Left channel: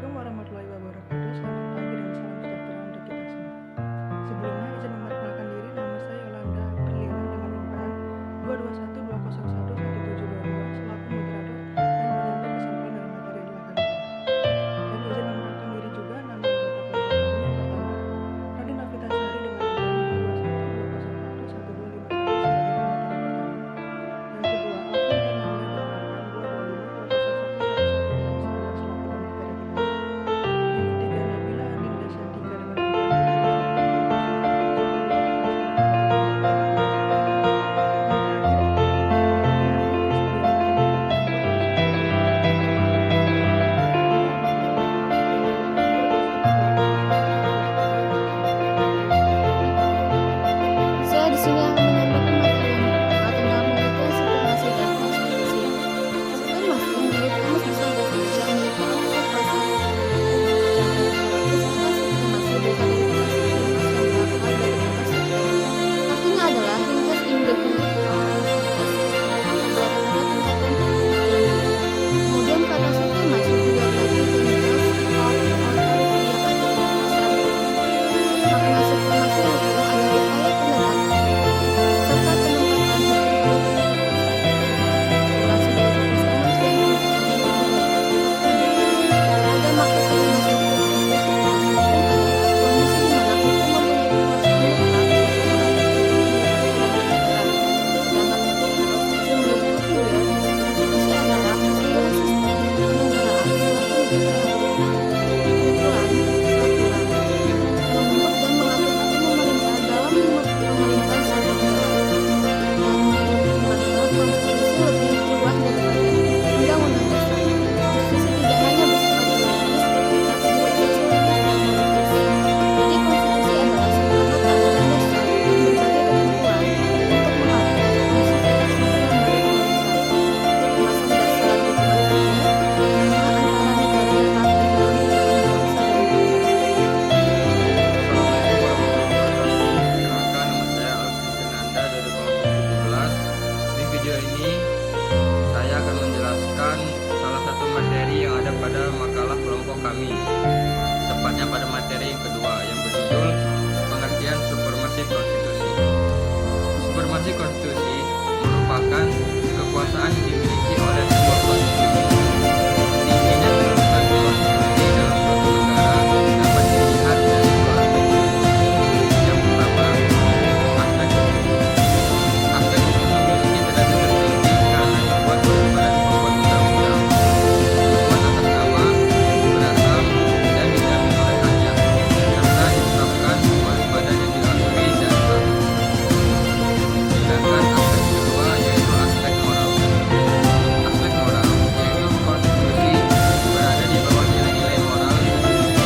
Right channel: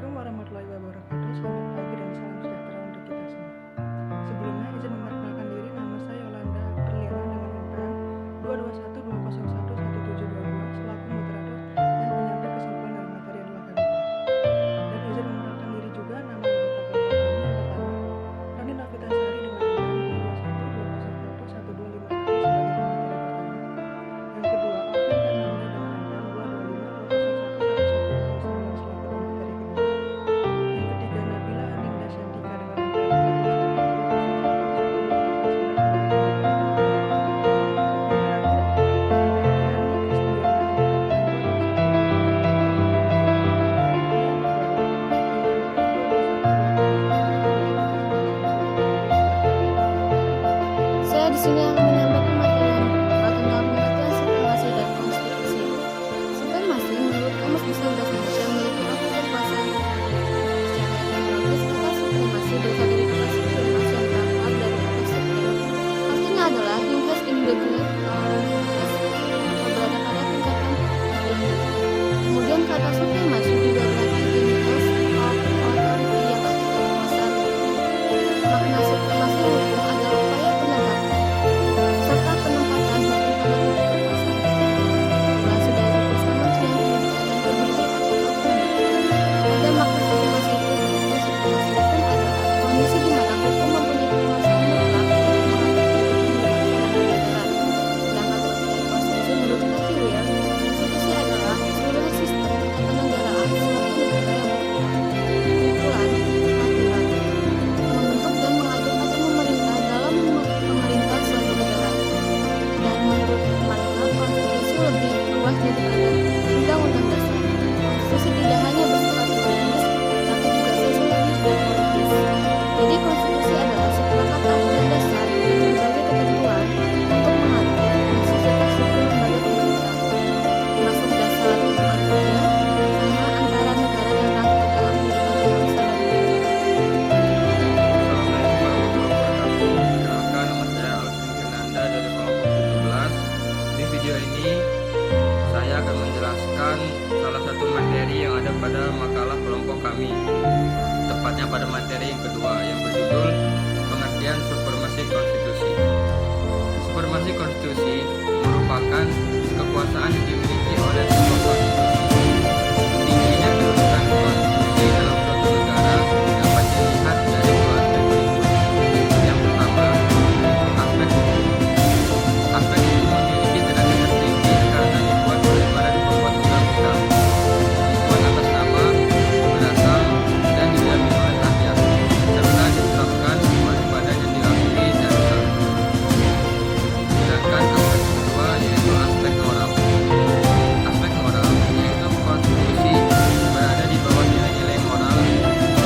Assalamualaikum warahmatullahi wabarakatuh. Selamat pagi dan salam sejahtera untuk kita semua. Sebelumnya izin memperkenalkan diri, nama saya Yolanda Perliana dengan NPM 22120111722 selaku moderator dan penyampai kesimpulan dari materi yang telah kami buat. Dan izin memperkenalkan diri juga nama anggota kelompok kami yang pertama, Rani Novitasari dengan NPM 22120111251 sebagai pemateri pertama. Yang kedua, Alvin Fernanda dengan NPM 22520111169 selaku pemateri kedua. Yang ketiga, Nabila Adinda Syantika dengan NPM 22120111289 sebagai pemateri kedua. Yang terakhir ada Ferni Kristiana dengan NPM 2212011111291 Saya di sini akan menyampaikan materi yang pertama tentang pengertian supremasi dan konstitusi. Supremasi menurut Kamus Besar Bahasa Indonesia memiliki arti kekuasaan tertinggi. Secara etimologis, kata supremasi berasal dari kata supremas yang berakar dari kata supreme. Artinya adalah he has in the grade or he has atau berada pada tingkatan tinggi. Kemudian kata supremasi juga berarti titles of authority yang artinya kekuasaan tertinggi. Makna supremasi hukum adalah upaya penegakan serta penempatan hukum pada titik kekuasaan tertentu. Relasi dari tugas Kementerian Pendidikan dan Kebudayaan atau Kemendikbud ada makna supremasi hukum, yaitu supremasi hukum adalah kondisi di mana hukum mempunyai kekuasaan mutlak untuk mengatur kehidupan berbangsa dan bernegara. Sedangkan pengertian konstitusi menurut Cathy Weir, konstitusi adalah keseluruhan sistem ketatanegaraan suatu negara yang berupa kumpulan peraturan yang membentuk dan mengatur atau memerintah dalam pemerintahan suatu negara. Dan menurut Marshall, konstitusi lebih luas daripada undang-undang dasar. Konstitusi tidak hanya bersifat yuridis, tapi juga sosiologis dan politis. Jadi konstitusi adalah seperangkat aturan dasar dan berbagai ketentuan untuk mengatur fungsi serta struktur lembaga pemerintah, termasuk dasar hubungan kerja sama antara negara dan rakyat dalam kehidupan berbangsa dan bernegara. Assalamualaikum warahmatullahi wabarakatuh. Perkenalkan, nama saya Alvin Fernanda dari kelompok 17. Di video ini saya akan menjelaskan salah satu materi yang ada pada makalah kelompok kami, tepatnya pada materi yang kedua yang berjudul pengertian supremasi konstitusi. Supremasi konstitusi merupakan kekuasaan yang dimiliki oleh sebuah konstitusi. Tingginya kedudukan konstitusi dalam suatu negara dapat dilihat dari dua aspek berikut. Yang pertama, aspek hukum. Aspek hukum memiliki derajat tertinggi karena dibuat oleh badan pembuat undang-undang, dibuat atas nama, berasal, dan dijamin oleh rakyat, serta ditetapkan oleh badan yang diakui dan sah. Sedangkan aspek kedua yaitu aspek moral. Aspek moral yaitu konstitusi berada di bawah nilai-nilai moral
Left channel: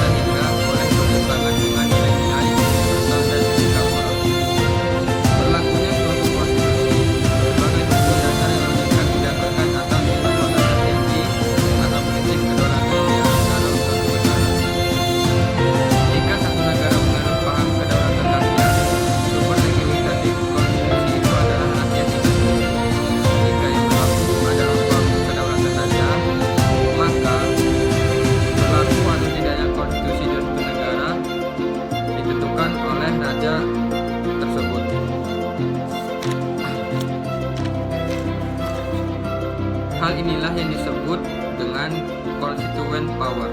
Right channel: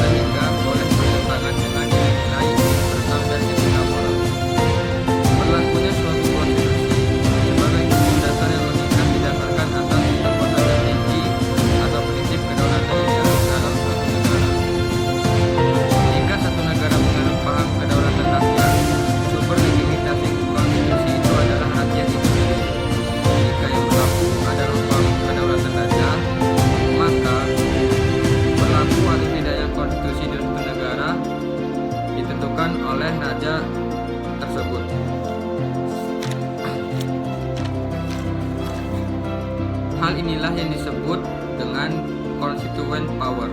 sehingga boleh bertentangan dengan nilai-nilai universal dan etika moral. Berlakunya suatu konstitusi sebagai hukum dasar yang mengikat didasarkan atas kekuasaan tertinggi atau prinsip kedaulatan yang dianut dalam suatu negara. Jika satu negara menganut paham kedaulatan rakyat, sumber legitimasi konstitusi itu adalah rakyat itu sendiri. Jika yang berlaku adalah paham kedaulatan raja, maka berlaku atau tidaknya konstitusi di suatu negara ditentukan oleh raja tersebut. Hal inilah yang disebut dengan constituent power,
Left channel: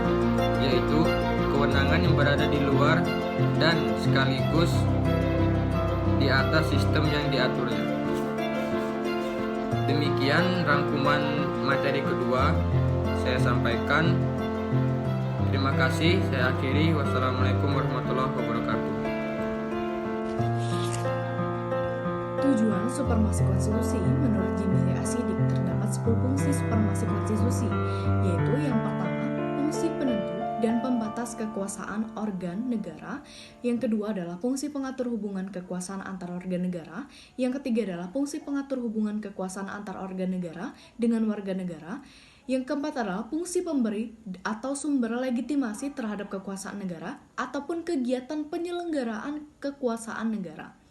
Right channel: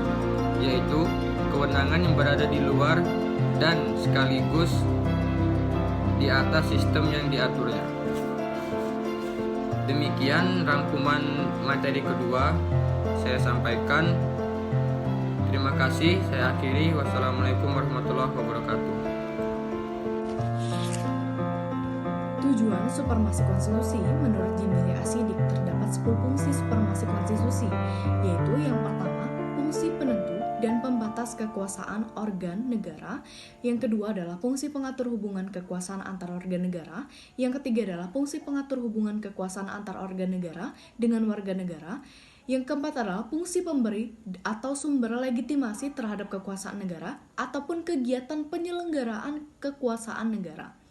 yaitu kewenangan yang berada di luar dan sekaligus di atas sistem yang diaturnya. Demikian rangkuman materi kedua saya sampaikan. Terima kasih, saya akhiri. Wassalamualaikum warahmatullahi wabarakatuh. Tujuan supremasi konstitusi menurut Jimmy Asidik terdapat 10 fungsi supremasi konstitusi, yaitu yang pertama, fungsi penentu dan pembatas kekuasaan organ negara. Yang kedua adalah fungsi pengatur hubungan kekuasaan antar organ negara. Yang ketiga adalah fungsi pengatur hubungan kekuasaan antar organ negara dengan warga negara. Yang keempat adalah fungsi pemberi atau sumber legitimasi terhadap kekuasaan negara ataupun kegiatan penyelenggaraan kekuasaan negara.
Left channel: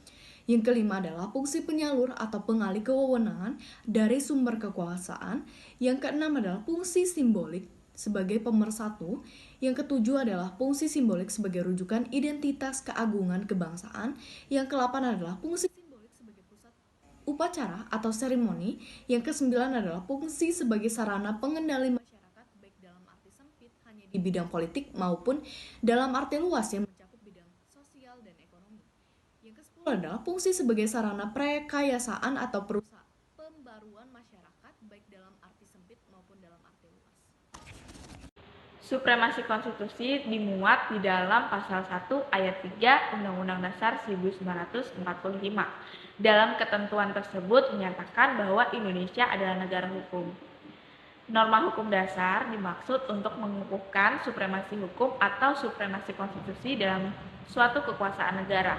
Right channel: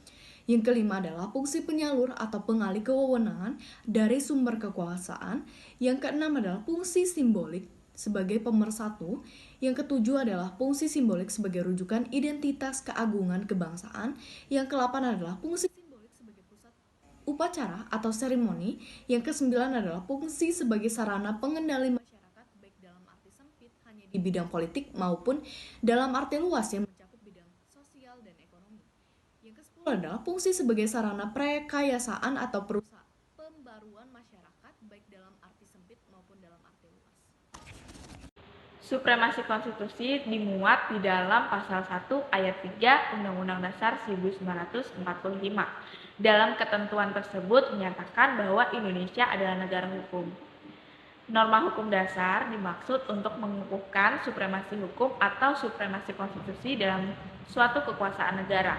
Yang kelima adalah fungsi penyalur atau pengalih kewenangan dari sumber kekuasaan. Yang keenam adalah fungsi simbolik sebagai pemersatu. Yang ketujuh adalah fungsi simbolik sebagai rujukan identitas keagungan kebangsaan. Yang ke-8 adalah fungsi simbolik sebagai pusat upacara atau seremoni. Yang ke-9 adalah fungsi sebagai sarana pengendali masyarakat baik dalam arti sempit hanya di bidang politik maupun dalam arti luas yang mencakup bidang sosial dan ekonomi. Yang ke-10 adalah fungsi sebagai sarana prekayasaan atau perusahaan pembaruan masyarakat baik dalam arti sempit maupun dalam arti luas. Supremasi konstitusi dimuat di dalam pasal 1 ayat 3 Undang-Undang Dasar 1945. Dalam ketentuan tersebut menyatakan bahwa Indonesia adalah negara hukum. Norma hukum dasar dimaksud untuk mengukuhkan supremasi hukum atau supremasi konstitusi dalam suatu kekuasaan negara.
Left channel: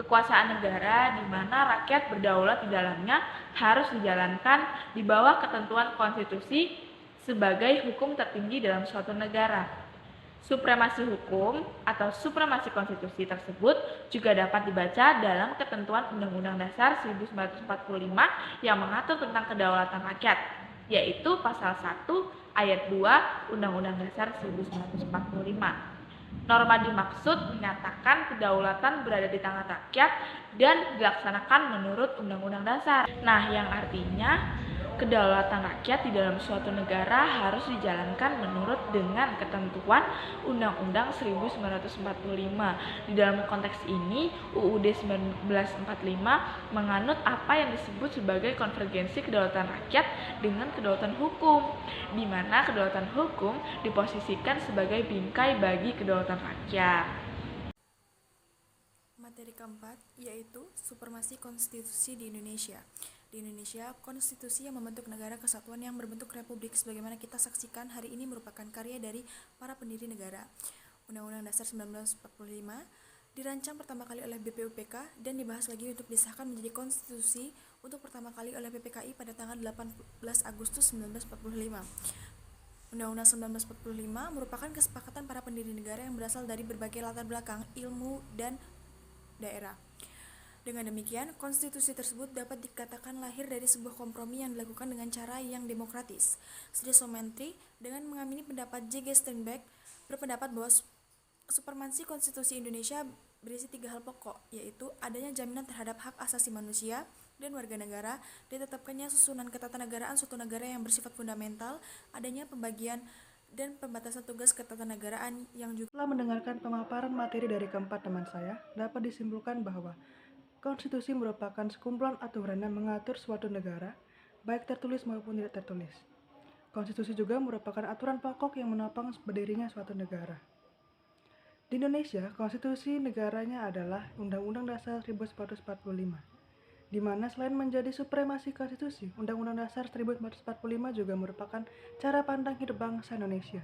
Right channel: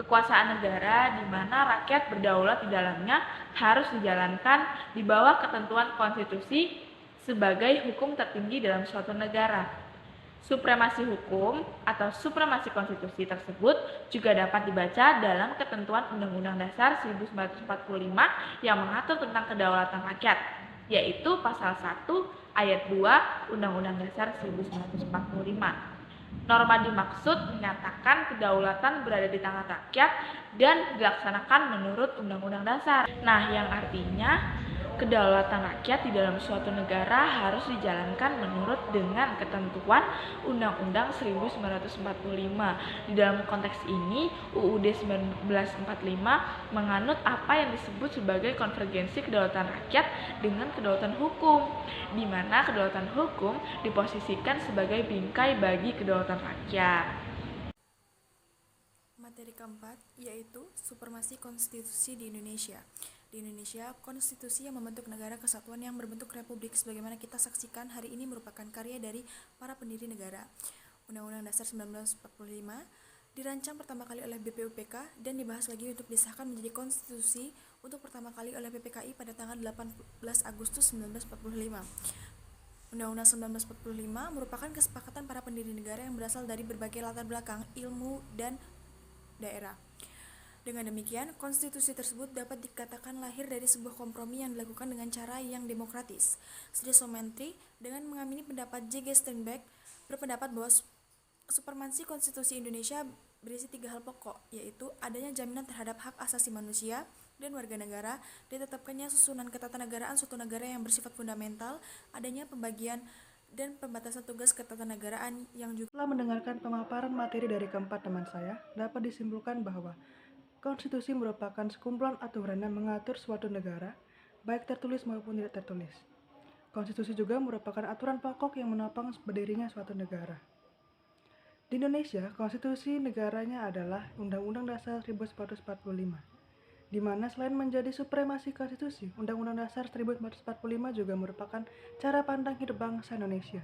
Kekuasaan negara di mana rakyat berdaulat di dalamnya harus dijalankan di bawah ketentuan konstitusi sebagai hukum tertinggi dalam suatu negara. Supremasi hukum atau supremasi konstitusi tersebut juga dapat dibaca dalam ketentuan Undang-Undang Dasar 1945 yang mengatur tentang kedaulatan rakyat, yaitu pasal 1 ayat 2 Undang-Undang Dasar 1945. Norma dimaksud menyatakan kedaulatan berada di tangan rakyat dan dilaksanakan menurut Undang-Undang Dasar. Nah, yang artinya kedaulatan rakyat di dalam suatu negara harus dijalankan menurut dengan ketentuan Undang-Undang 1945. Di dalam konteks ini, UUD 1945 menganut apa yang disebut sebagai konvergensi kedaulatan rakyat dengan kedaulatan hukum, di mana kedaulatan hukum diposisikan sebagai bingkai bagi kedaulatan rakyat. Materi keempat yaitu supremasi konstitusi di Indonesia. Di Indonesia, konstitusi yang membentuk negara kesatuan yang berbentuk republik sebagaimana kita saksikan hari ini merupakan karya dari para pendiri negara. Undang-Undang Dasar 1945 dirancang pertama kali oleh BPUPK dan dibahas lagi untuk disahkan menjadi konstitusi untuk pertama kali oleh PPKI pada tanggal 18 Agustus 1945. Undang-Undang 1945 merupakan kesepakatan para pendiri negara yang berasal dari berbagai latar belakang, ilmu, dan daerah. Dengan demikian, konstitusi tersebut dapat dikatakan lahir dari sebuah kompromi yang dilakukan dengan cara yang demokratis. Sri Mentri dengan mengamini pendapat J.G. Steinbeck berpendapat bahwa supremasi konstitusi Indonesia berisi 3 hal pokok, yaitu adanya jaminan terhadap hak asasi manusia dan warga negara, ditetapkannya susunan ketatanegaraan suatu negara yang bersifat fundamental, adanya pembagian dan pembatasan tugas ketatanegaraan yang juga. Setelah mendengarkan pemaparan materi dari keempat teman saya, dapat disimpulkan bahwa konstitusi merupakan sekumpulan aturan yang mengatur suatu negara, baik tertulis maupun tidak tertulis. Konstitusi juga merupakan aturan pokok yang menopang berdirinya suatu negara. Di Indonesia, konstitusi negaranya adalah Undang-Undang Dasar 1945, di mana selain menjadi supremasi konstitusi, Undang-Undang Dasar 1945 juga merupakan cara pandang hidup bangsa Indonesia.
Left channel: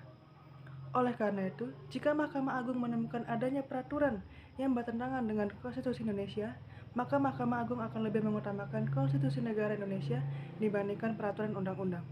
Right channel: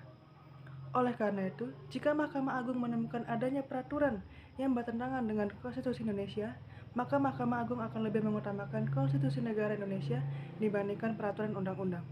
Oleh karena itu, jika Mahkamah Agung menemukan adanya peraturan yang bertentangan dengan konstitusi Indonesia, maka Mahkamah Agung akan lebih mengutamakan konstitusi negara Indonesia dibandingkan peraturan undang-undang.